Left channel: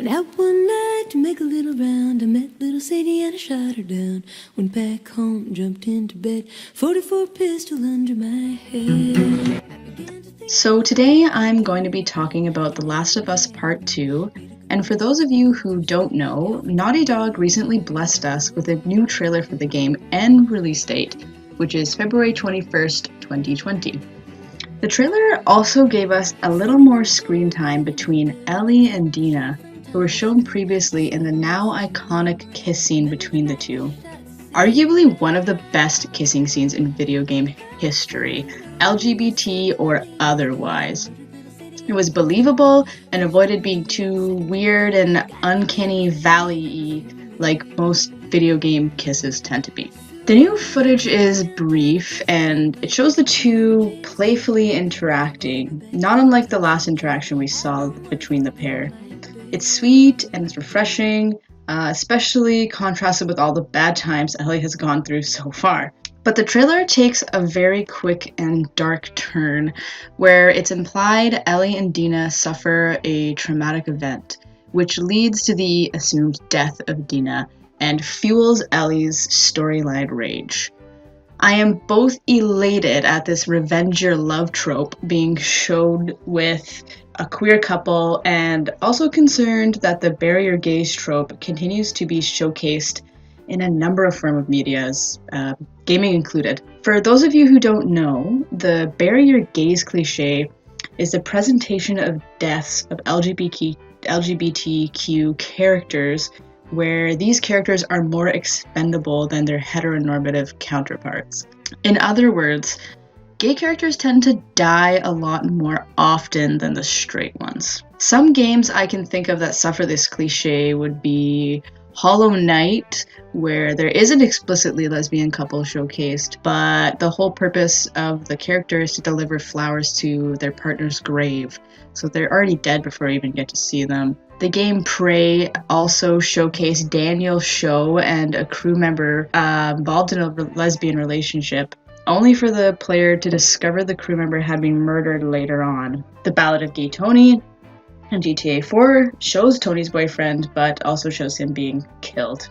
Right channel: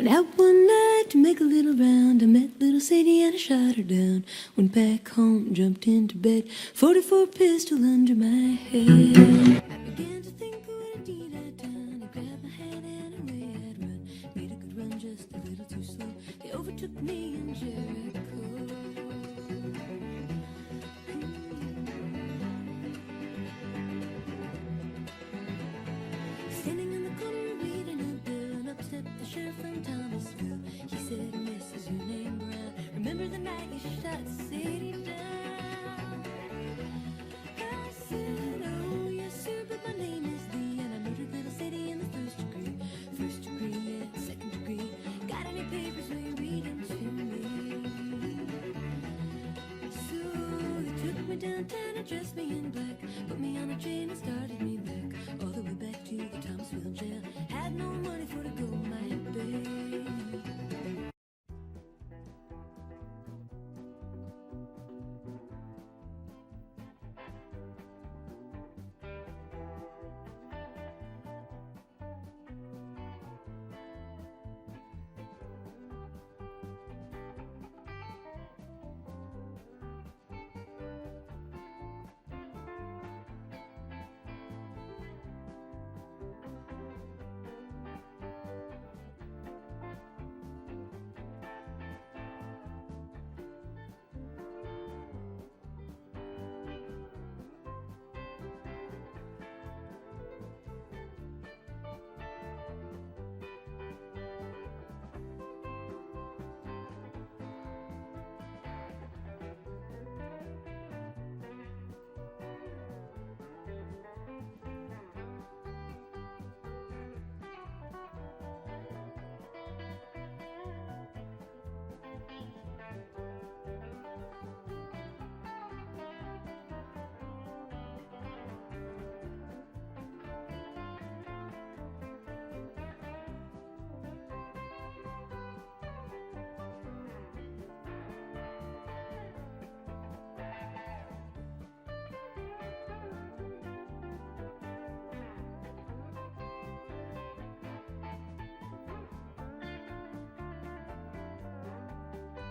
Went out one night to make a little round. I met little Sadie and I shot her down. Went back home, jumped into bed, 44 pistol under my head. So today I'm going to be talking about The Last of Us Part 2, and for those of you who don't know, Naughty Dog recently blessed us with a new trailer for the game and release date, which is February 21st, 2020. The trailer also gave us a little more screen time between Ellie and Dina, who were shown previously in the now iconic kiss scene between the two. Arguably one of the best kissing scenes in video game history, LGBT or otherwise. It was believable and avoided being too weird and uncanny valley-y like most video game kisses tend to be. The new footage is brief and it shows the two playfully interacting, not unlike the last interaction we saw between the pair. It's sweet and it's refreshing, especially contrasted with all the bad times Ellie has gone through so far. But the trailer takes a very quick and dark turn where it's implied Ellie and Dina suffer a traumatic event, which leads to the assumed death of Dina and fuels Ellie's storyline rage. I am both elated at this revenge your love trope being showed with a queer couple and also concerned that the bury your gays trope continues to be showcased in a number of forms of medias, gaming included. For those of you who don't know, the bury your gays cliche is the presentation of deaths of LGBTQ characters where these characters are more expendable than their heteronormative counterparts. In other words, gay characters tend to die a lot more often than the straight ones. Some games I can think of that suffer this cliche would be Hollow Knight, where there is an explicitly lesbian couple showcased, but the whole purpose of the character is to deliver flowers to their partner's grave, so they're already dead before you even get to see them. The game Prey also showcased Daniel Show and a crew member involved in a lesbian relationship, only for the player to discover the crew member had been murdered later on. The Ballad of Gay Tony in GTA 4 shows Tony's boyfriend, but also shows him being killed.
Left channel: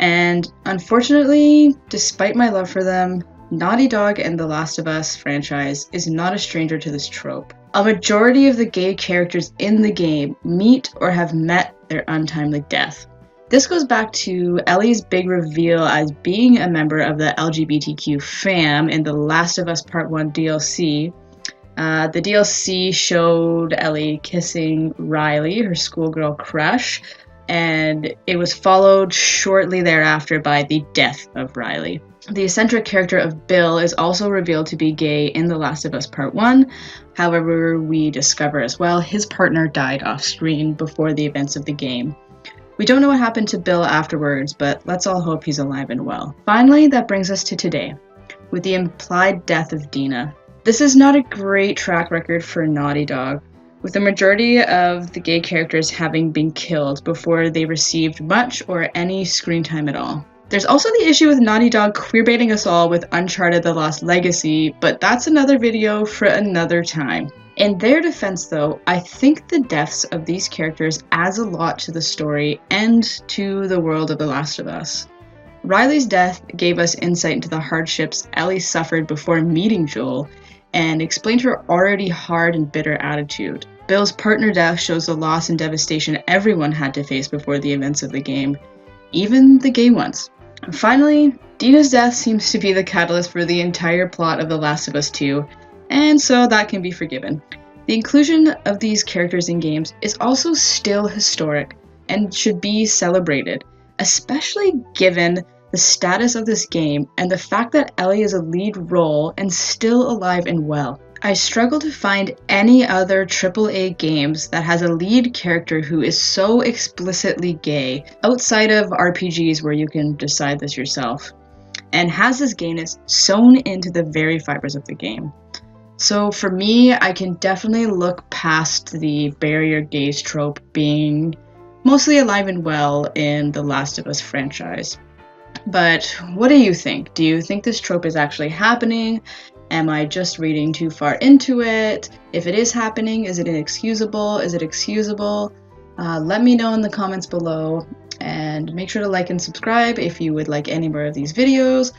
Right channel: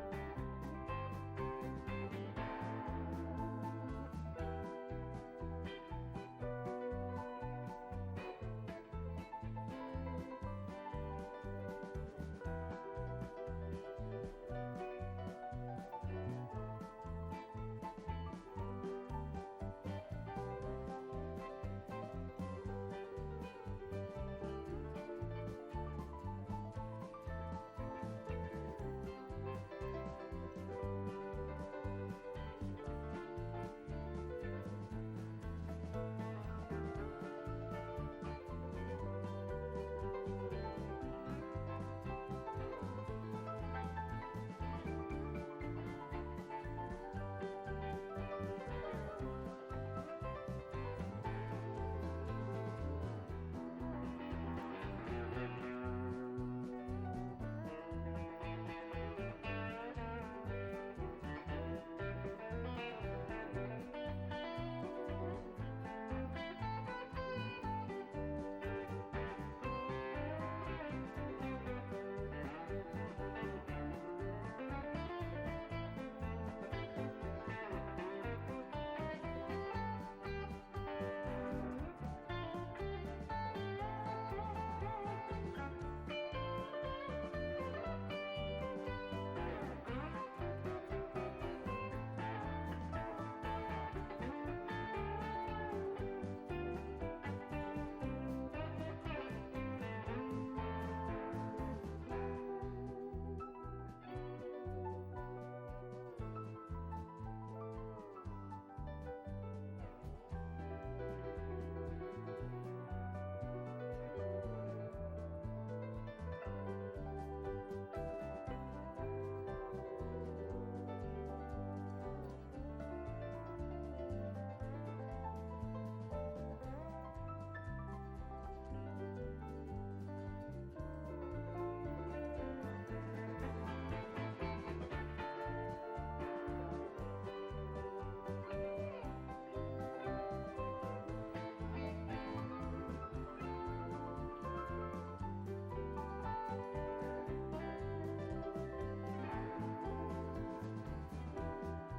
And unfortunately, despite my love for them, Naughty Dog and The Last of Us franchise is not a stranger to this trope. A majority of the gay characters in the game meet or have met their untimely death. This goes back to Ellie's big reveal as being a member of the LGBTQ fam in The Last of Us Part 1 DLC. The DLC showed Ellie kissing Riley, her schoolgirl crush, and it was followed shortly thereafter by the death of Riley. The eccentric character of Bill is also revealed to be gay in The Last of Us Part 1. However, we discover as well his partner died off-screen before the events of the game. We don't know what happened to Bill afterwards, but let's all hope he's alive and well. Finally, that brings us to today, with the implied death of Dina. This is not a great track record for Naughty Dog, with the majority of the gay characters having been killed before they received much or any screen time at all. There's also the issue with Naughty Dog queerbaiting us all with Uncharted: The Lost Legacy, but that's another video for another time. In their defense though, I think the deaths of these characters adds a lot to the story and to the world of The Last of Us. Riley's death gave us insight into the hardships Ellie suffered before meeting Joel, and explained her already hard and bitter attitude. Bill's partner death shows the loss and devastation everyone had to face before the events of the game, even the gay ones. And finally, Dina's death seems to be the catalyst for the entire plot of The Last of Us 2, and so that can be forgiven. The inclusion of these characters in games is also still historic and should be celebrated, especially given the status of this game and the fact that Ellie is a lead role and still alive and well. I struggle to find any other AAA games that has a lead character who is so explicitly gay, outside of RPGs where you can decide this yourself, and has this gayness sewn into the very fibers of the game. So for me, I can definitely look past the barrier gaze trope being mostly alive and well in the Last of Us franchise. But what do you think? Do you think this trope is actually happening? Am I just reading too far into it? If it is happening, is it inexcusable? Is it excusable? Let me know in the comments below, and make sure to like and subscribe if you would like any more of these videos,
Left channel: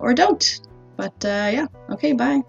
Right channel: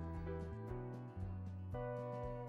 or don't. But yeah, okay, bye.